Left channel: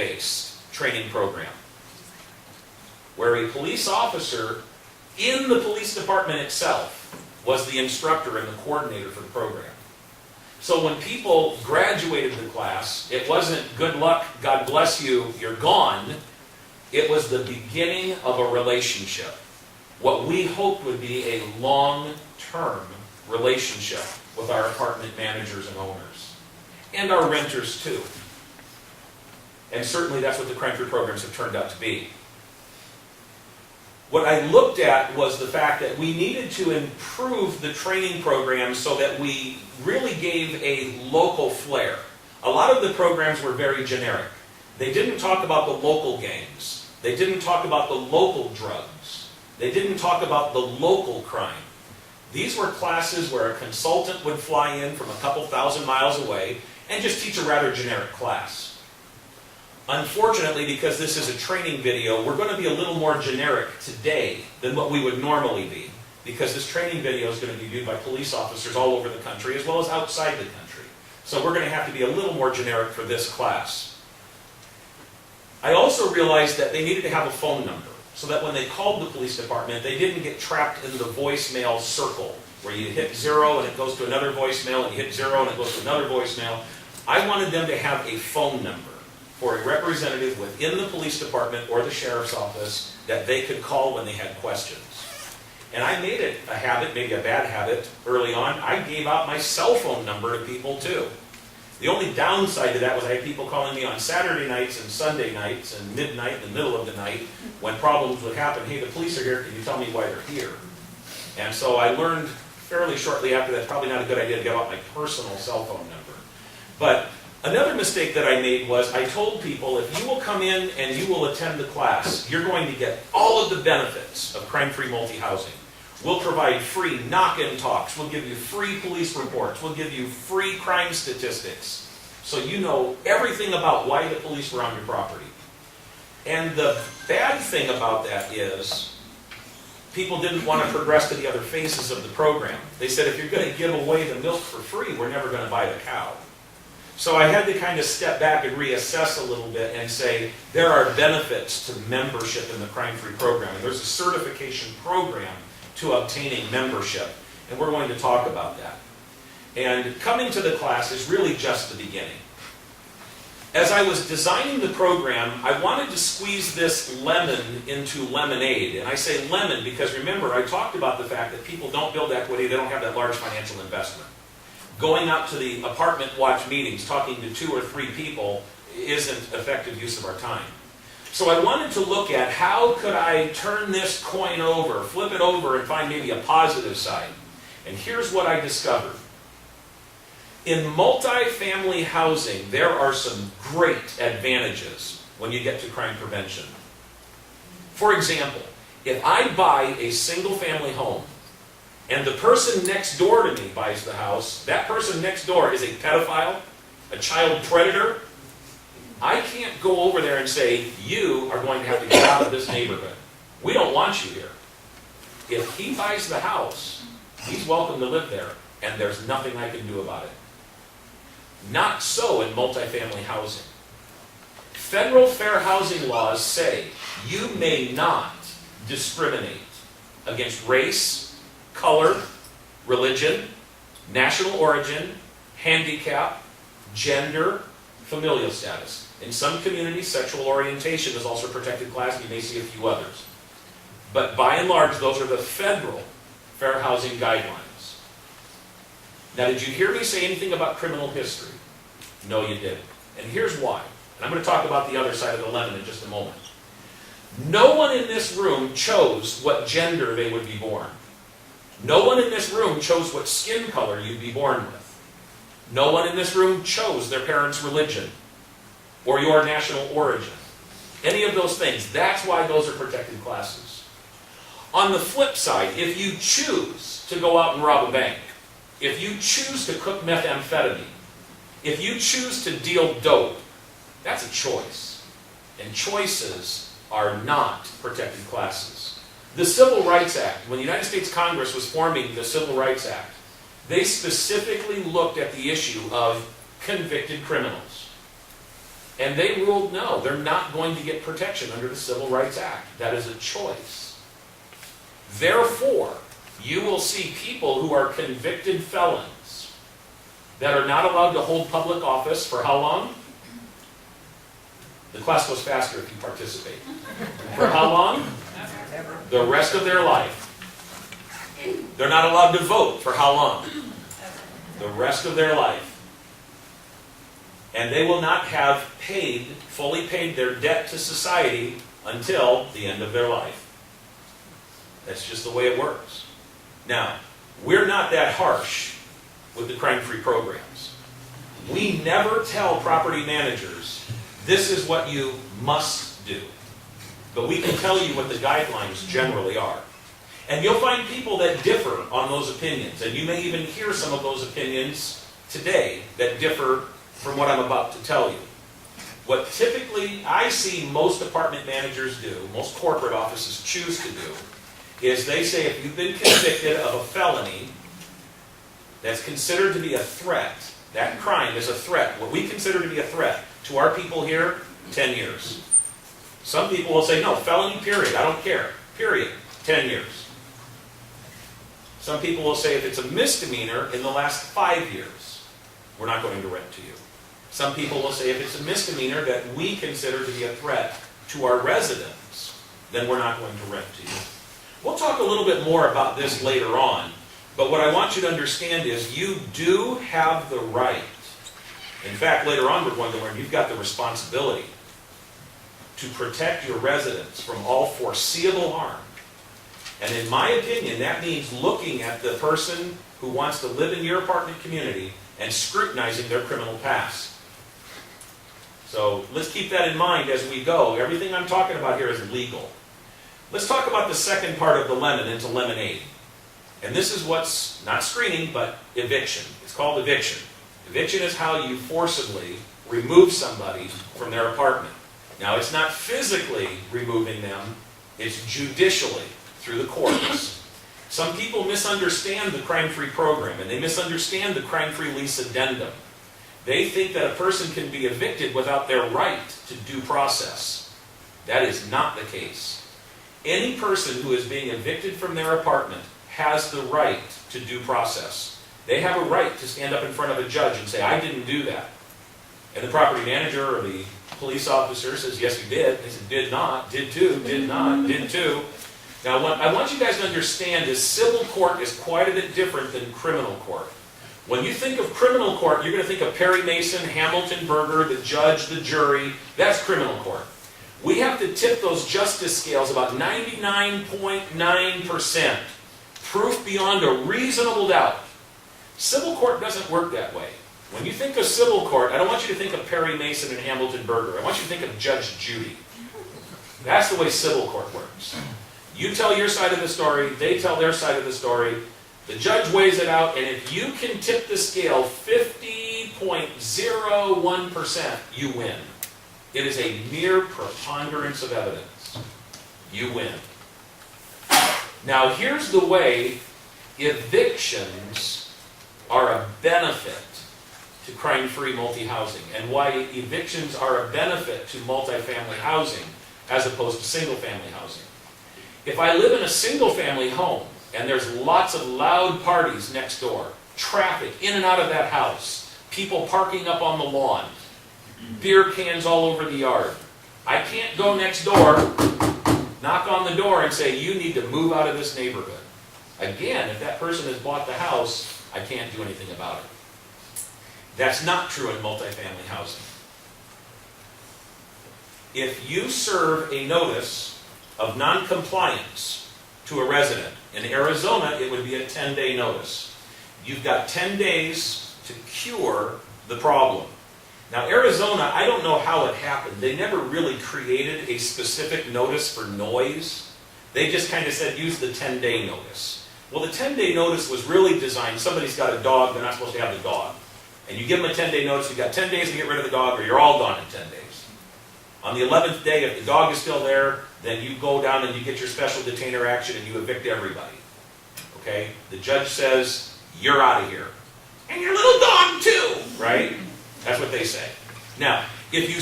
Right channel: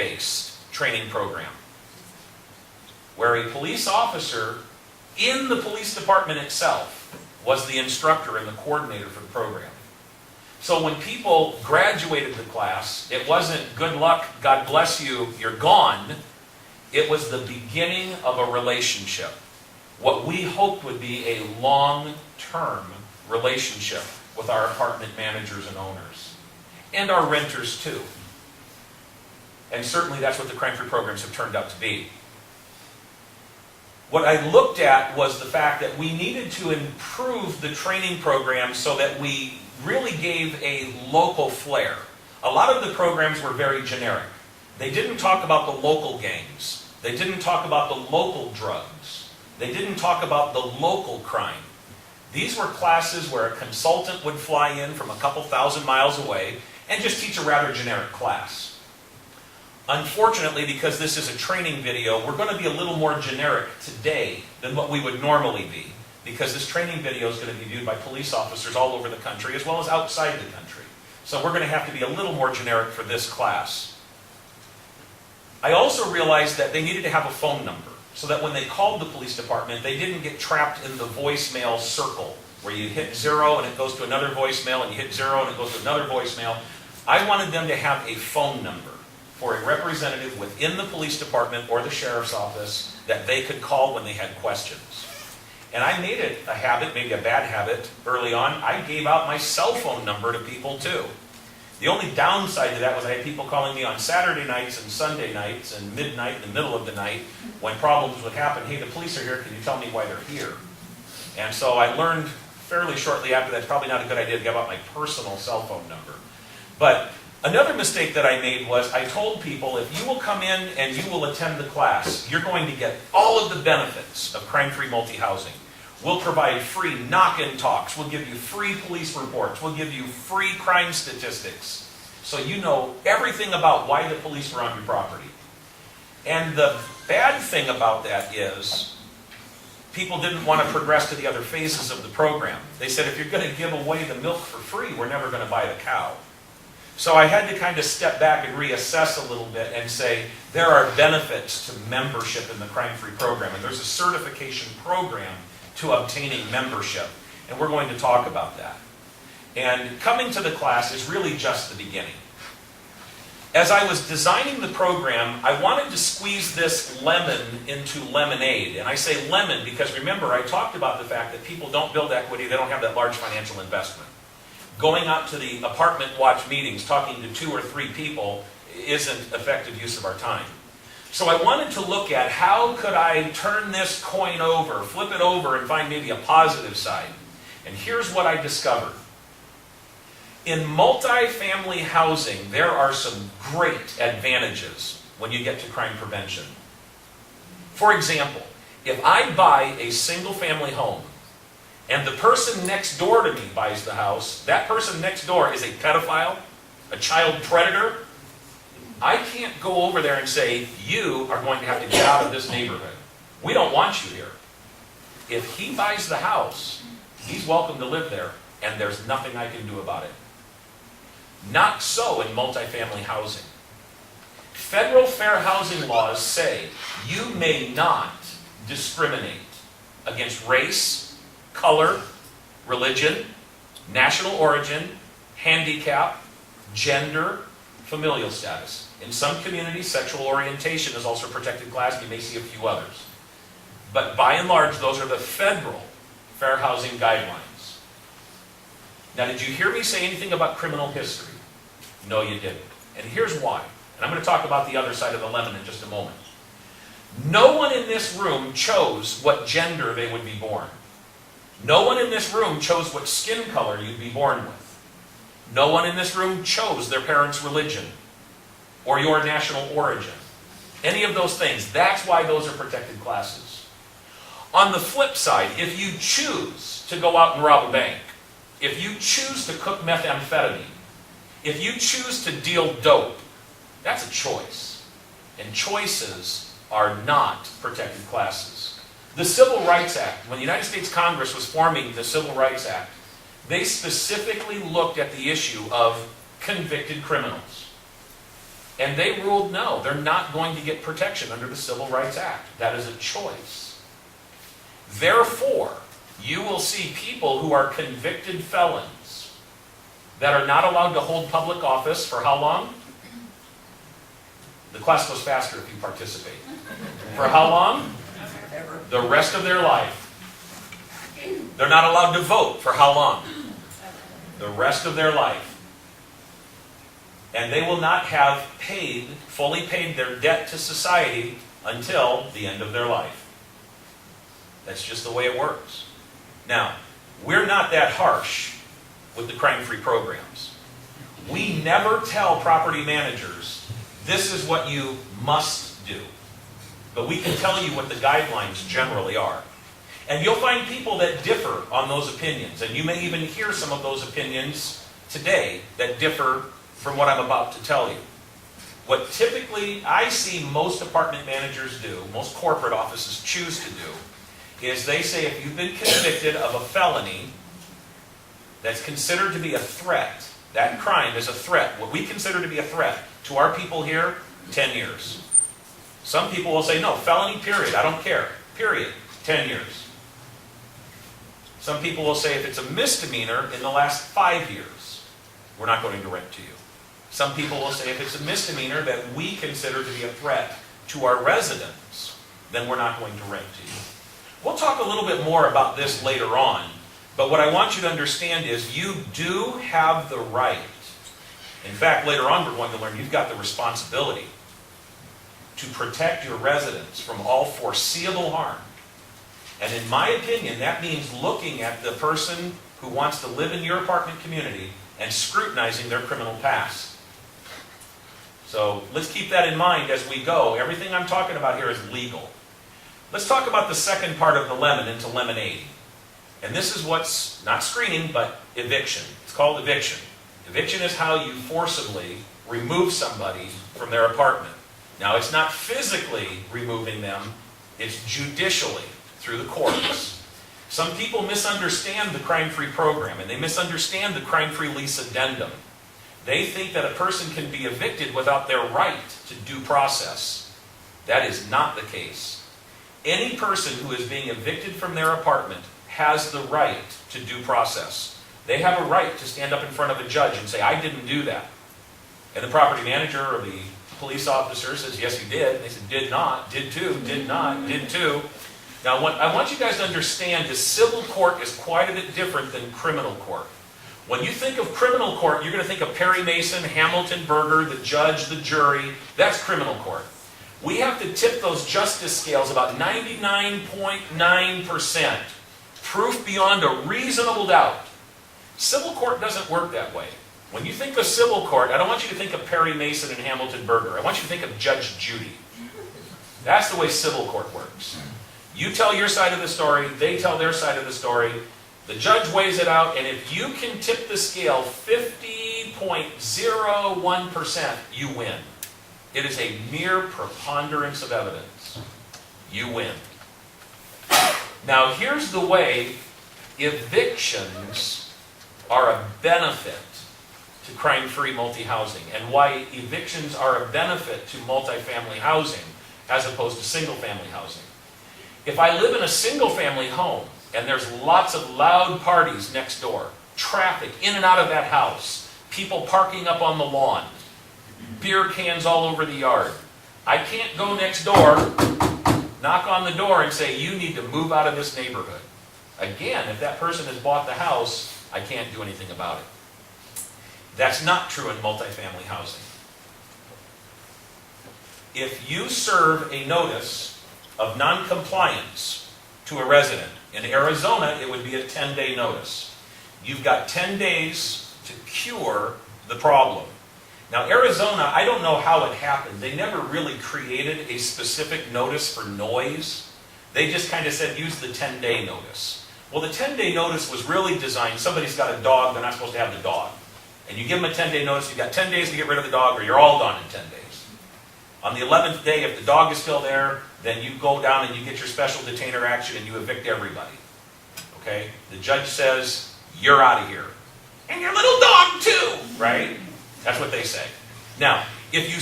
site-based training program, where a police officer in the police department itself was the instructor and the coordinator for the program. So when people graduated the class, it wasn't good luck, God bless you, you're gone. It was the beginning of a relationship. What we hoped would be a long-term relationship with our apartment managers and owners. And our renters too. And certainly that's what the crime-free programs have turned out to be. What I looked at was the fact that we needed to improve the training program so that we really gave a local flair. A lot of the programs were very generic. They didn't talk about the local gangs. They didn't talk about the local drugs. They didn't talk about the local crime. These were classes where a consultant would fly in from a couple thousand miles away and just teach a rather generic class. Unfortunately, because this is a training video, we're going to be a little more generic today than what we would normally be, because this training video is going to be viewed by police officers all over the country as well as outside the country. So we're going to have to be a little more generic for this class. I also realized that they needed to have a phone number so that when they called the police department, they didn't get trapped in the voicemail circle where you hit 0 and it goes to another voicemail and you hit 0 and it goes to another voicemail. I wanted them to have a phone number for a representative within the police department or the sheriff's office that they could call when they had questions. And I made it a habit, maybe a bad habit, early on. I gave out my cell phone number to people too. The only downside to that was I had people calling me on Saturday nights and Sunday nights and midnight in the middle of the night when problems would happen. Hey, the police are here, can you tell me why they're here? And so I learned fairly shortly after that it's probably not a good idea to give out my personal cell phone number. But another mistake that I made was I told people, if you will come in and you will attend the class, you're going to get all of the benefits of crime-free multi-housing. We'll provide free knock-in talks. We'll give you free police reports. We'll give you free crime statistics. So you know everything about why the police were on your property. And the bad thing about that is people didn't want to progress to the other phases of the program. They said, if you're going to give away the milk for free, we're never going to buy the cow. So I had to kind of step back and reassess a little bit and say, there are benefits to membership in the crime-free program. And there's a certification program to obtaining membership. And we're going to talk about that. And coming to the class is really just the beginning. As I was designing the program, I wanted to squeeze this lemon into lemonade. And I say lemon because remember, I talked about the fact that people don't build equity, they don't have that large financial investment. Going out to the apartment watch meetings, talking to 2 or 3 people, isn't effective use of our time. So I wanted to look at how could I turn this coin over, flip it over, and find maybe a positive side. And here's what I discovered. In multifamily housing, there are some great advantages when you get to crime prevention. For example, if I buy a single-family home, and the person next door to me buys the house, that person next door is a pedophile, a child predator, I can't go over there and say, you are going to have to get out of this neighborhood. We don't want you here. If he buys the house, he's welcome to live there, and there's nothing I can do about it. Not so in multifamily housing. Federal fair housing laws say you may not discriminate against race, color, religion, national origin, handicap, gender, familial status. In some communities, sexual orientation is also a protected class, and you may see a few others. But by and large, those are the federal fair housing guidelines. Now, did you hear me say anything about criminal history? No, you didn't. And here's why. And I'm going to talk about the other side of the lemon in just a moment. No one in this room chose what gender they would be born. No one in this room chose what skin color you'd be born with. No one in this room chose their parents' religion or your national origin. Any of those things. That's why those are protected classes. On the flip side, if you choose to go out and rob a bank, if you choose to cook methamphetamine, if you choose to deal dope, that's a choice. And choices are not protected classes. The Civil Rights Act, when the United States Congress was forming the Civil Rights Act, they specifically looked at the issue of convicted criminals. And they ruled no, they're not going to get protection under the Civil Rights Act. That is a choice. Therefore, you will see people who are convicted felons that are not allowed to hold public office for how long? The class goes faster if you participate. For how long? The rest of their life. They're not allowed to vote for how long? The rest of their life. And they will not have fully paid their debt to society until the end of their life. That's just the way it works. Now, we're not that harsh with the crime-free programs. We never tell property managers, this is what you must do. But we can tell you what the guidelines generally are. And you'll find people that differ on those opinions. And you may even hear some of those opinions today that differ from what I'm about to tell you. What typically I see most apartment managers do, most corporate offices choose to do, is they say if you've been convicted of a felony that's considered to be a threat, that crime is a threat, what we consider to be a threat to our people here, 10 years. Some people will say, no, felony period, I don't care, period, 10 years. Some people will say if it's a misdemeanor in the last 5 years, we're not going to rent to you. Some people will say if it's a misdemeanor that we consider to be a threat to our residents, then we're not going to rent to you. We'll talk a little bit more about this later on, but what I want you to understand is you do have the right. In fact, later on we're going to learn you've got the responsibility to protect your residents from all foreseeable harm. And in my opinion, that means looking at the person who wants to live in your apartment community and scrutinizing their criminal past. So let's keep that in mind as we go. Everything I'm talking about here is legal. Let's talk about the second part of the lemon into lemonade. And this is what's not screening, but eviction. It's called eviction. Eviction is how you forcibly remove somebody from their apartment. Now, it's not physically removing them, it's judicially through the courts. Some people misunderstand the crime-free program, and they misunderstand the crime-free lease addendum. They think that a person can be evicted without their right to due process. That is not the case. Any person who is being evicted from their apartment has the right to due process. They have a right to stand up in front of a judge and say, I didn't do that. And the property manager or the police officer says, yes, you did. They said, did not, did too, did not, did too. Now, what I want you guys to understand is civil court is quite a bit different than criminal court. When you think of criminal court, you're going to think of Perry Mason, Hamilton Berger, the judge, the jury. That's criminal court. We have to tip those justice scales about 99.9%. Proof beyond a reasonable doubt. Civil court doesn't work that way. When you think of civil court, I don't want you to think of Perry Mason and Hamilton Berger. I want you to think of Judge Judy. That's the way civil court works. You tell your side of the story, they tell their side of the story. The judge weighs it out, and if you can tip the scale 50.01%, you win. It is a mere preponderance of evidence. You win. Now, here's the way evictions are a benefit to crime-free multi-housing, and why evictions are a benefit to multifamily housing as opposed to single-family housing. If I live in a single-family home, and there's lots of loud parties next door, traffic in and out of that house, people parking up on the lawn, beer cans all over the yard, I can't go next door, knock on the door and say, you need to move out of this neighborhood. Again, if that person has bought the house, I can't do anything about it. That's not true in multifamily housing. If you serve a notice of non-compliance to a resident, in Arizona, it would be a 10-day notice. You've got 10 days to cure the problem. Now, Arizona, I don't know how it happened. They never really created a specific notice for noise. They just kind of said, use the 10-day notice. Well, the 10-day notice was really designed, somebody's got a dog, they're not supposed to have the dog. And you give them a 10-day notice, you've got 10 days to get rid of the dog, or you're all gone in 10 days. On the 11th day, if the dog is still there, then you go down and you get your special detainer action and you evict everybody. Okay? The judge says, you're out of here. And your little dog too, right? That's what they say. Now, if you